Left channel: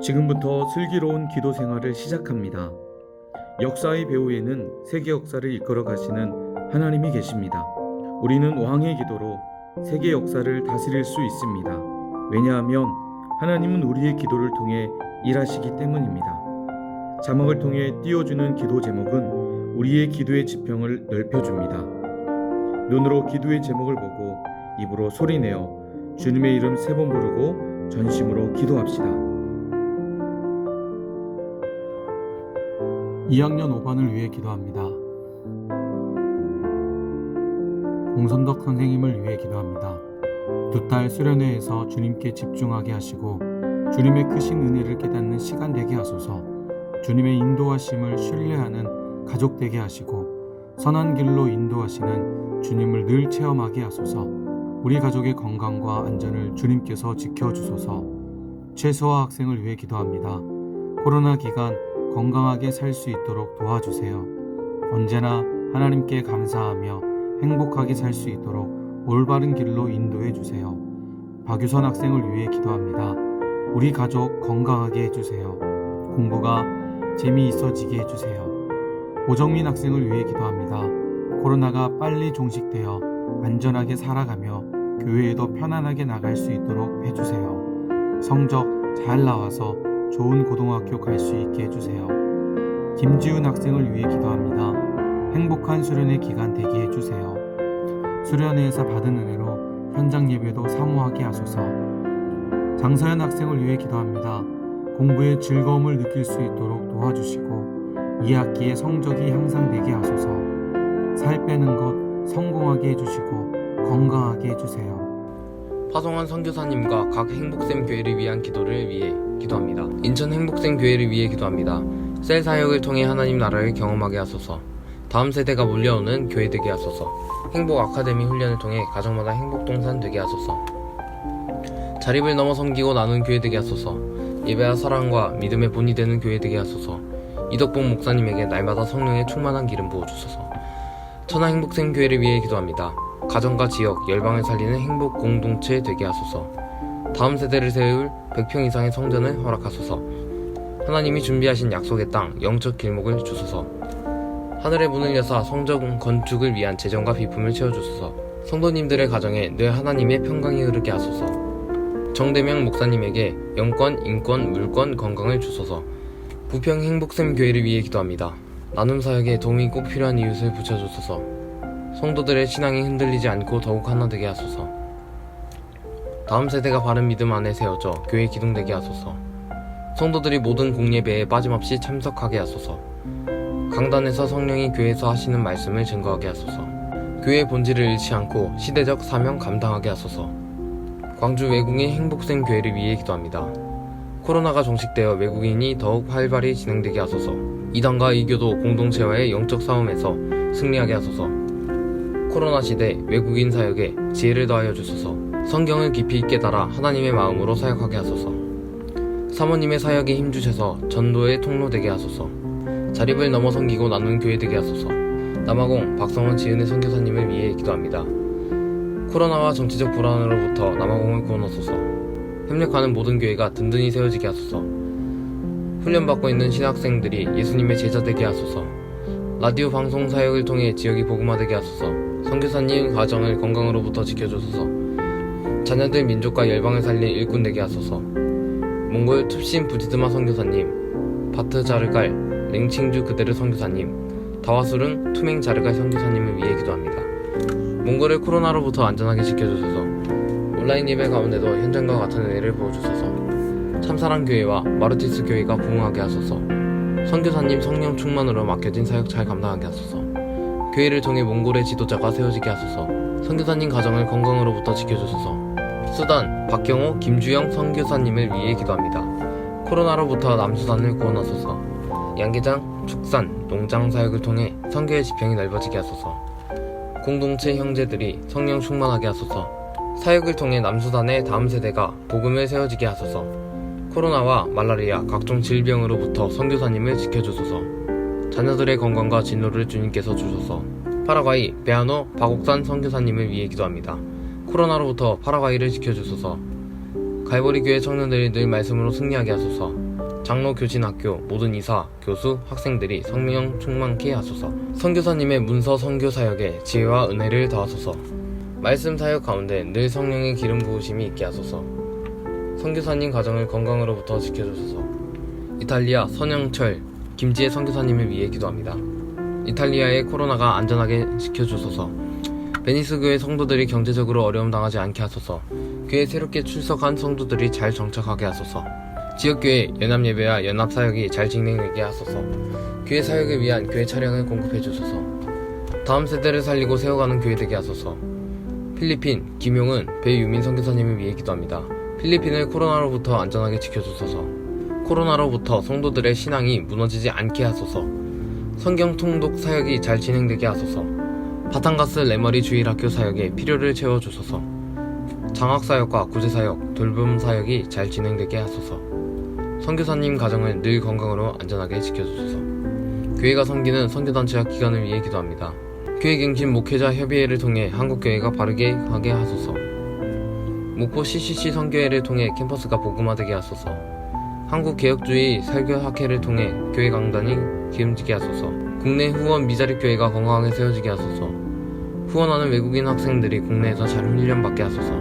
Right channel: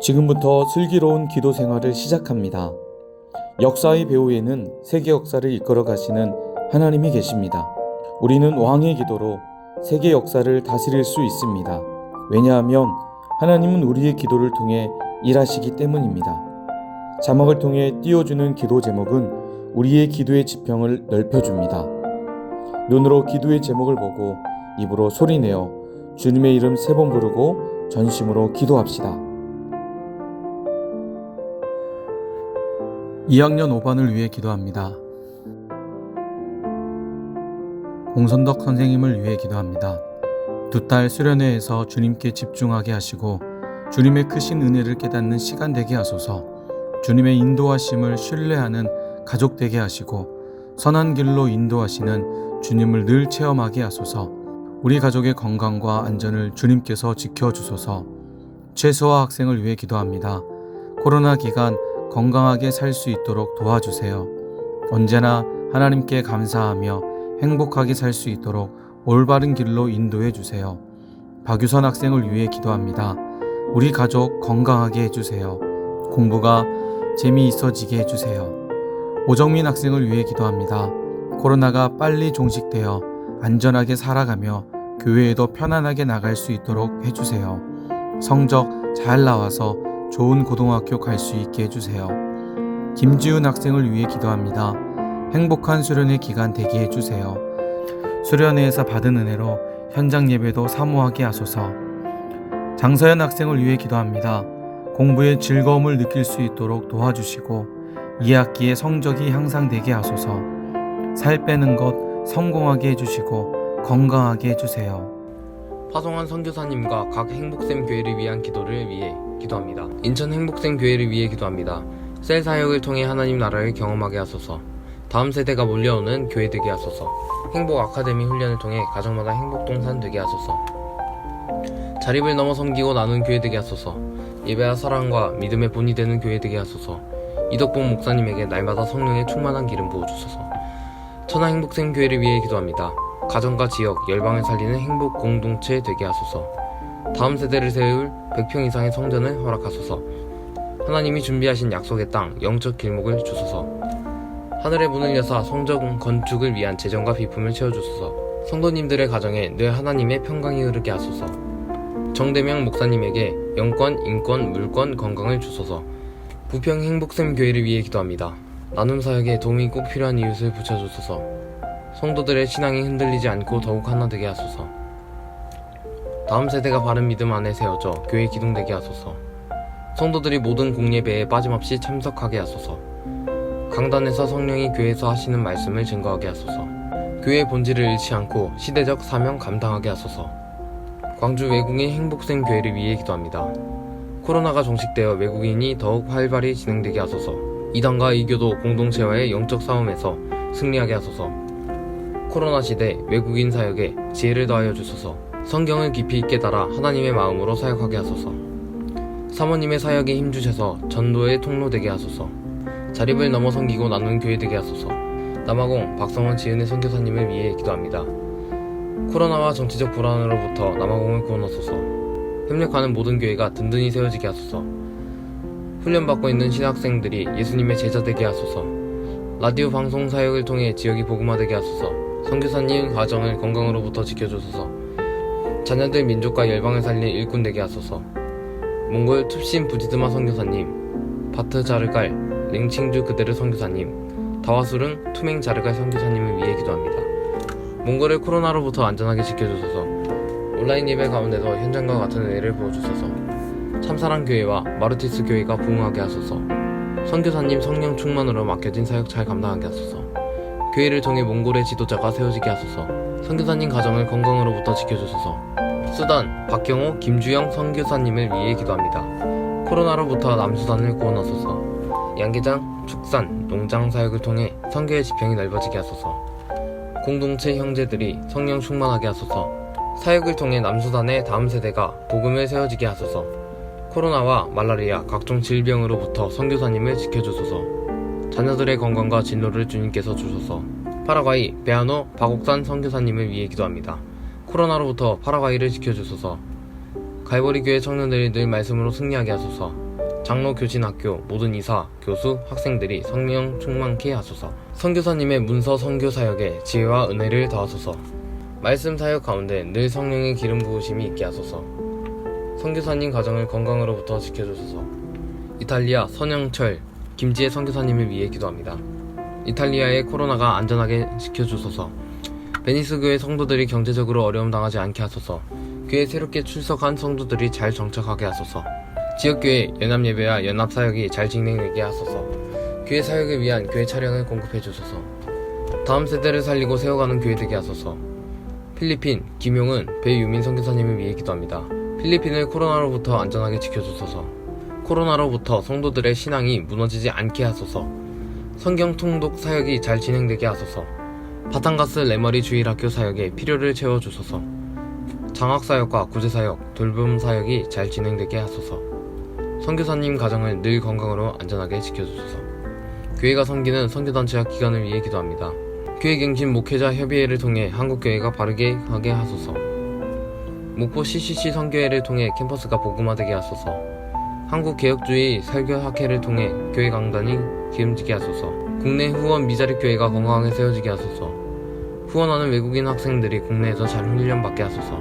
지금부터 슬기로운 기도 생활을 시작합니다. 역사의 배후에는 세계 역사를 이끌어 가시는 하나님이 계십니다. 우리는 왕의 기도로 세계 역사를 다스릴 수 있습니다. 왜냐하면 하나님은 우리의 기도를 통해 일하시기 때문입니다. 자막을 통해 띄워주는 기도 제목은 우리의 기도의 지평을 넓혀줍니다. 눈으로 기도의 제목을 보고 입으로 소리내어 주님의 이름 3번 부르고 전심으로 기도합시다. 2학년 5반을 위해 기도합니다. 공선덕 선생님을 위해 기도합니다. 두 딸 수련회에서 주님께 집중하게 하시고 주님의 크신 은혜를 깨닫는 시간 되게 하소서. 주님의 인도하심을 신뢰하는 가족 되게 하시고 선한 길로 인도하시는 주님을 늘 체험하게 하소서. 우리 가족의 건강과 안전을 주님께서 지켜주소서. 최소화 학생을 위해 기도합니다. 코로나 기간 건강하게 살 수 있도록 도와주세요. 언제나 하나님께 감사하며 행복하게 살 수 있도록 올바른 길로 인도해 주세요. 박유선 학생을 위해 기도합니다. 우리 가족 건강하게 해주세요. 공부가 재미있어지게 해주세요. 오정민 학생을 위해 기도합니다. 코로나가 빨리 종식되어 안전하게 살아가며 교회에도 편안하게 나갈 수 있도록 해주세요. 성적 잘 나와서 좋은 고등학교 갈 수 있게 해주세요. 김지훈 학생을 위해 기도합니다. 행복한 수련회 기간 되게 해주세요. 수련회에서 받은 은혜로 현장 예배도 사모하게 하소서. 장서연 학생을 위해 기도합니다. 공부에 즐거움을 느낄 수 있도록 도와주시고 2학기에 성적이 향상되게 하소서. 살 빼는 것 성공하게 해주시고 건강하게 해주세요. 파송한 선교사님과 각 행복샘 교회를 위한 기도를 위해 기도합니다. 인천 행복샘 교회를 위해 기도합니다. 셀 사역을 통해 하나님 나라를 경험하게 하소서. 다음 세대가 몰려오는 교회 되게 하소서. 행복 아카데미 훈련을 통해 가정마다 행복 동산 되게 하소서. 자립을 넘어 섬기고 나눈 교회 되게 하소서. 예배와 사랑과 믿음의 본이 되는 교회 되게 하소서. 이덕봉 목사님에게 날마다 성령의 충만한 기름 부어주소서. 천하 행복샘 교회를 위해 기도합니다. 가정과 지역, 열방을 살리는 행복 공동체 되게 하소서. 다음 세대를 세울 100평 이상의 성전을 허락하소서. 하나님이 준비하신 약속의 땅, 영적 길목을 주소서. 하늘의 문을 여사 성전 건축을 위한 재정과 비품을 채워주소서. 성도님들의 가정에 늘 하나님의 평강이 흐르게 하소서. 정대명 목사님에게 영권, 인권, 물권, 건강을 주소서. 부평 행복샘 교회를 위해 기도합니다. 나눔 사역에 도움이 꼭 필요한 이웃을 붙여주소서. 성도들의 신앙이 흔들리지 않고 더욱 하나 되게 하소서. 다음 세대가 바른 믿음 안에 세워져 교회 기둥되게 하소서. 성도들이 모든 공예배에 빠짐없이 참석하게 하소서. 강단에서 성령이 교회에서 하시는 말씀을 증거하게 하소서. 교회의 본질을 잃지 않고 시대적 사명 감당하게 하소서. 광주 외국인 행복샘 교회를 위해 기도합니다. 코로나가 종식되어 외국인이 더욱 활발히 진행되게 하소서. 이단과 이교도 공동체와의 영적 싸움에서 승리하게 하소서. 코로나 시대 외국인 사역에 지혜를 더하여 주소서. 성경을 깊이 깨달아 하나님의 마음으로 사역하게 하소서. 사모님의 사역에 힘주셔서 전도의 통로 되게 하소서. 자립을 넘어 섬기고 나눈 교회 되게 하소서. 남아공 박성원 지은의 선교사님을 위해 기도합니다. 코로나와 정치적 불안으로부터 남아공을 구원하소서. 협력하는 모든 교회가 든든히 세워지게 하소서. 훈련받고 있는 신학생들이 예수님의 제자 되게 하소서. 라디오 방송 사역을 통해 지역이 복음화되게 하소서. 선교사님 가정을 건강으로부터 지켜주소서. 자녀들 민족과 열방을 살린 일꾼 되게 하소서. 몽골 툽신 부지드마 선교사님, 바트 자르갈, 랭칭주 그대르 선교사님, 다와수릉 투맹 자르갈 선교사님을 위해 기도합니다. 몽골을 코로나로부터 안전하게 지켜주소서. 온라인 예배 가운데도 현장과 같은 은혜를 부어주소서. 참사랑 교회와 마르티스 교회가 부흥하게 하소서. 선교사님 성령 충만으로 맡겨진 사역 잘 감당하게 하소서. 교회를 통해 몽골의 지도자가 세워지게 하소서. 선교사님 가정을 건강으로부터 지켜주소서. 수단 박경호 김주영 선교사님을 위해 기도합니다. 코로나로부터 남수단을 구원하소서. 양계장 축산 농장 사역을 통해 선교의 지평이 넓어지게 하소서. 공동체 형제들이 성령 충만하게 하소서. 사역을 통해 남수단의 다음 세대가 복음을 세워지게 하소서. 코로나와 말라리아 각종 질병으로부터 선교사님을 지켜주소서. 자녀들의 건강과 진로를 주님께서 주소서. 파라과이 베아노 박옥산 선교사님을 위해 기도합니다. 코로나로부터 파라과이를 지켜주소서. 갈보리 교회 청년들이 늘 말씀으로 승리하게 하소서. 장로 교진학교 모든 이사, 교수, 학생들이 성령 충만케 하소서. 선교사님의 문서 선교 사역에 지혜와 은혜를 더하소서. 말씀 사역 가운데 늘 성령의 기름 부으심이 있게 하소서. 선교사님 가정을 건강으로부터 지켜주소서. 이탈리아 선영철 김지혜 선교사님을 위해 기도합니다. 이탈리아의 코로나가 안전하게 지켜주소서. 베니스 교회 성도들이 경제적으로 어려움 당하지 않게 하소서. 교회 새롭게 출석한 성도들이 잘 정착하게 하소서. 지역교회 연합예배와 연합사역이 잘 진행되게 하소서. 교회 사역을 위한 교회 차량을 공급해 주소서. 다음 세대를 살리고 세워가는 교회 되게 하소서. 필리핀 김용은 배유민 선교사님을 위해 기도합니다. 필리핀을 코로나로부터 안전하게 지켜주소서. 코로나로부터 성도들의 신앙이 무너지지 않게 하소서. 성경 통독 사역이 잘 진행되게 하소서. 바탕가스 레머리 주일학교 사역에 필요를 채워주소서. 장학사역과 구제사역, 돌봄 사역이 잘 진행되게 하소서. 선교사님 가정을 늘 건강으로 안전하게 지켜주소서. 교회가 섬기는 선교단체와 기관을 위해 기도합니다. 교회갱신 목회자 협의회를 통해 한국교회가 바르게 하게 하소서. 목포 CCC 선교회를 통해 캠퍼스가 복음화되게 하소서. 한국개혁주의 설교학회를 통해 교회 강단이 기름지게 하소서. 국내 후원 미자립 교회가 건강하게 세워지게 하소서. 후원하는 외국인 학생들이 국내에서 잘 훈련받게 하소서.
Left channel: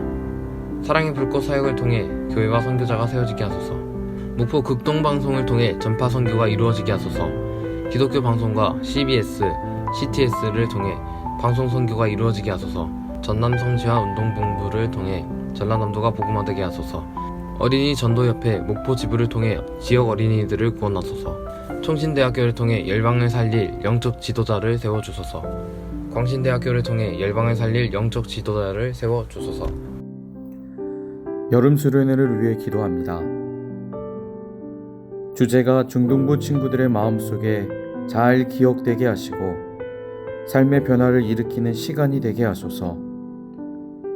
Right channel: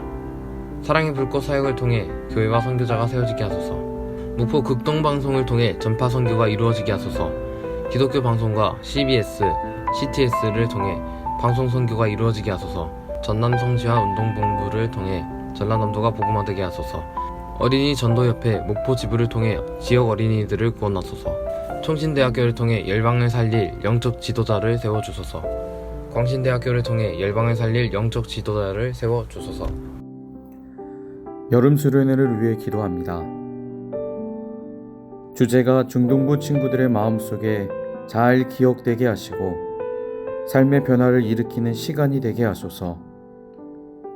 사랑의 불꽃 사역을 통해 교회와 선교자가 세워지게 하소서. 목포 극동방송을 통해 전파 선교가 이루어지게 하소서. 기독교 방송과 CBS, CTS를 통해 방송 선교가 이루어지게 하소서. 전남 성지와 운동본부를 통해 전라남도가 복음화되게 하소서. 어린이 전도협회 목포 지부를 통해 지역 어린이들을 구원하소서. 총신대학교를 통해 열방을 살릴 영적 지도자를 세워주소서. 광신대학교를 통해 열방을 살릴 영적 지도자를 세워주소서. 여름 수련회를 위해 기도합니다. 주제가 중동부 친구들의 마음속에 잘 기억되게 하시고 삶의 변화를 일으키는 시간이 되게 하소서.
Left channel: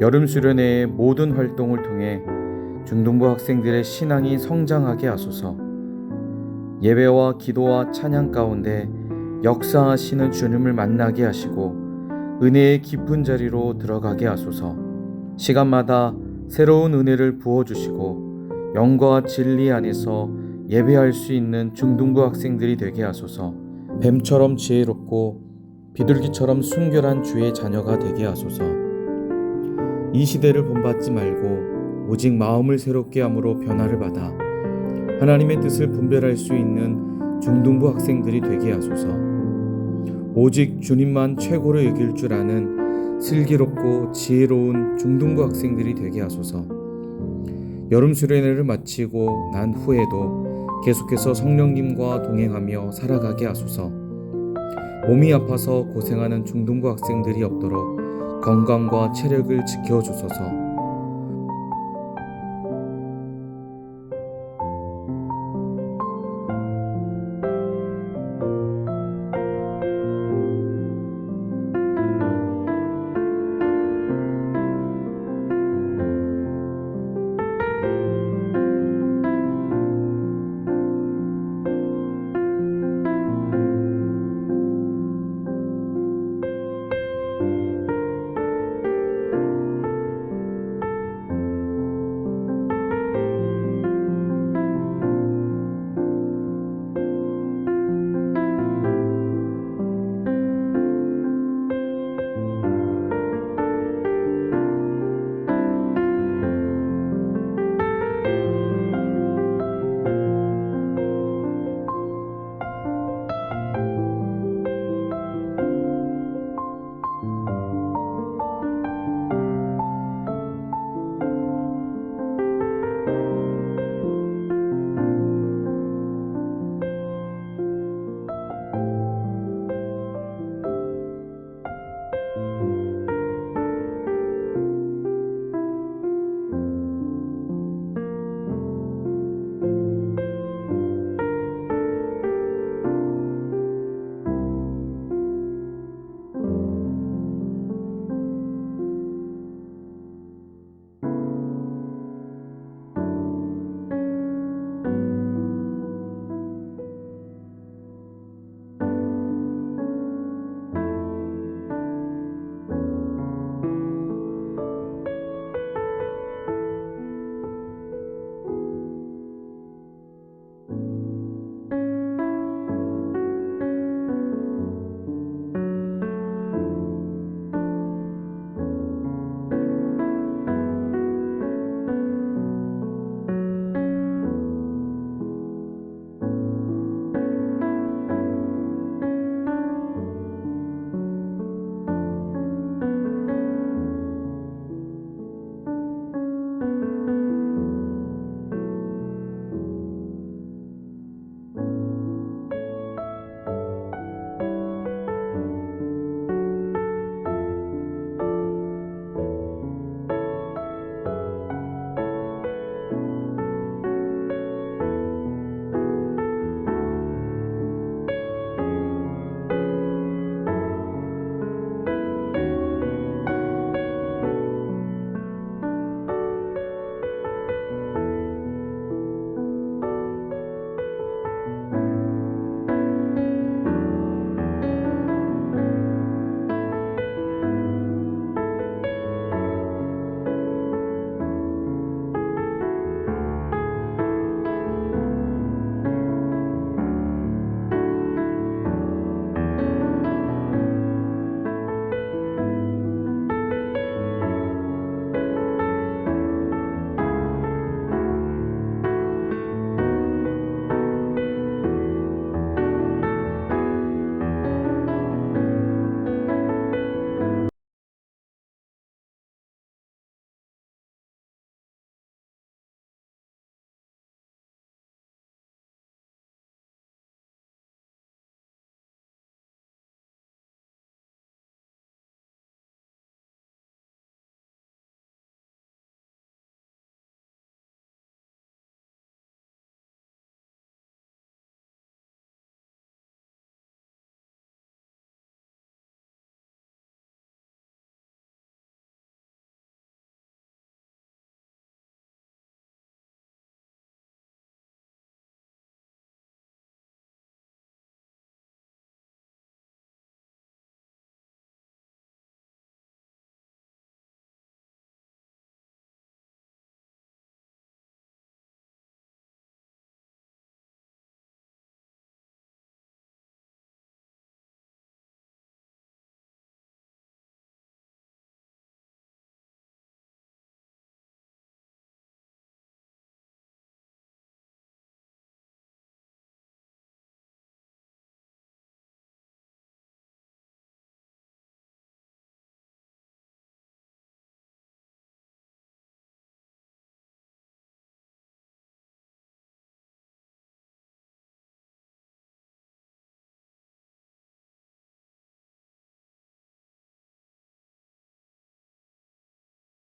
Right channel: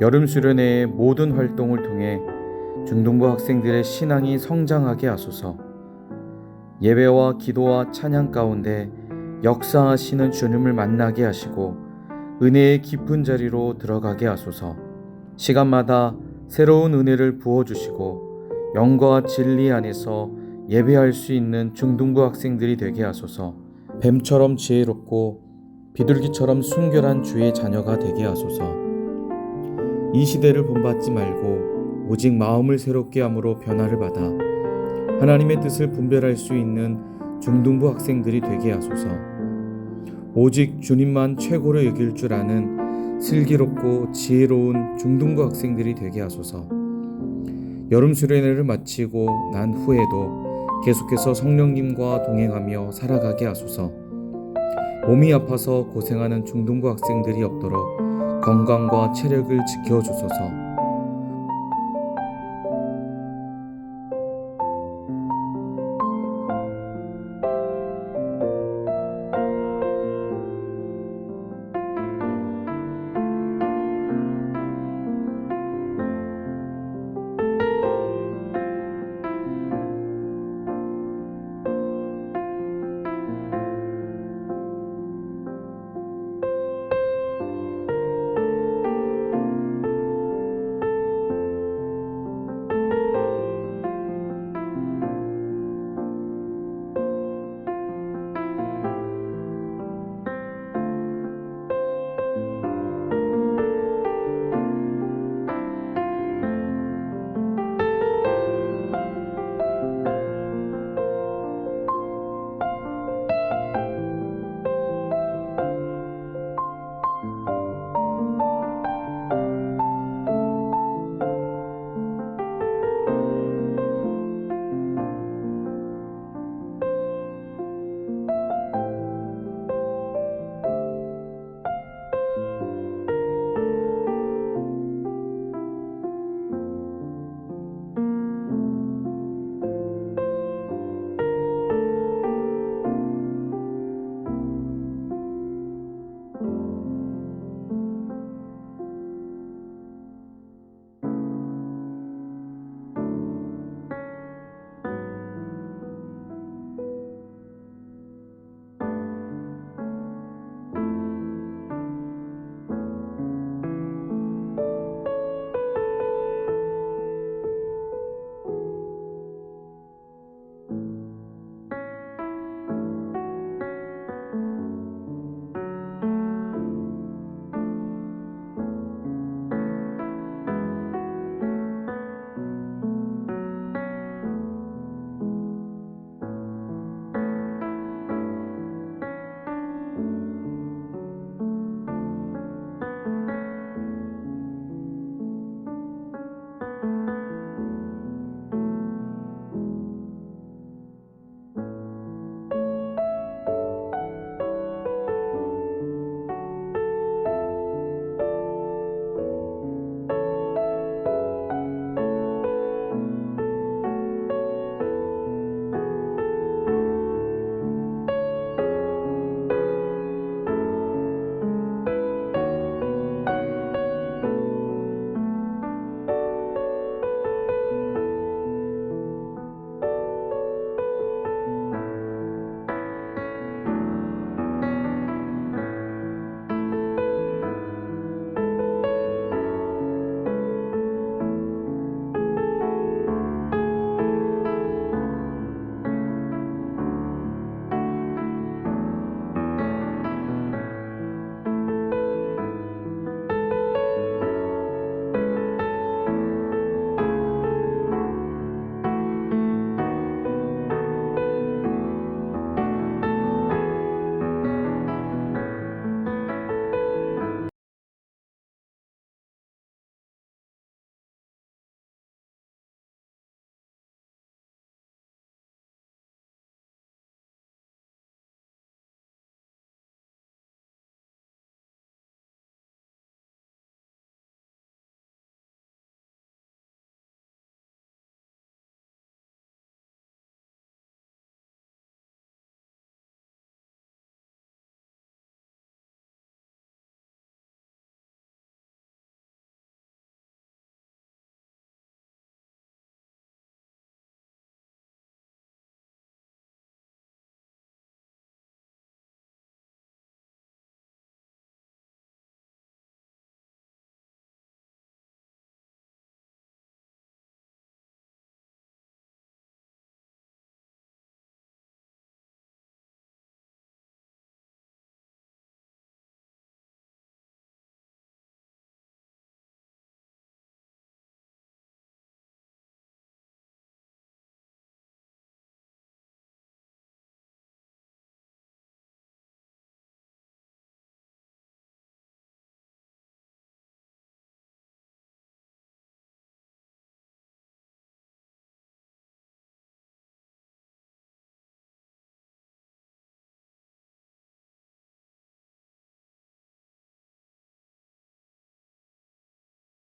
여름 수련회의 모든 활동을 통해 중동부 학생들의 신앙이 성장하게 하소서. 예배와 기도와 찬양 가운데 역사하시는 주님을 만나게 하시고 은혜의 깊은 자리로 들어가게 하소서. 시간마다 새로운 은혜를 부어주시고 영과 진리 안에서 예배할 수 있는 중등부 학생들이 되게 하소서. 뱀처럼 지혜롭고 비둘기처럼 순결한 주의 자녀가 되게 하소서. 이 시대를 본받지 말고 오직 마음을 새롭게 함으로 변화를 받아 하나님의 뜻을 분별할 수 있는 중등부 학생들이 되게 하소서. 오직 주님만 최고로 여길 줄 아는 슬기롭고 지혜로운 중등부 학생들이 되게 하소서. 여름 수련회를 마치고 난 후에도 계속해서 성령님과 동행하며 살아가게 하소서. 몸이 아파서 고생하는 중등부 학생들이 없도록 건강과 체력을 지켜주소서.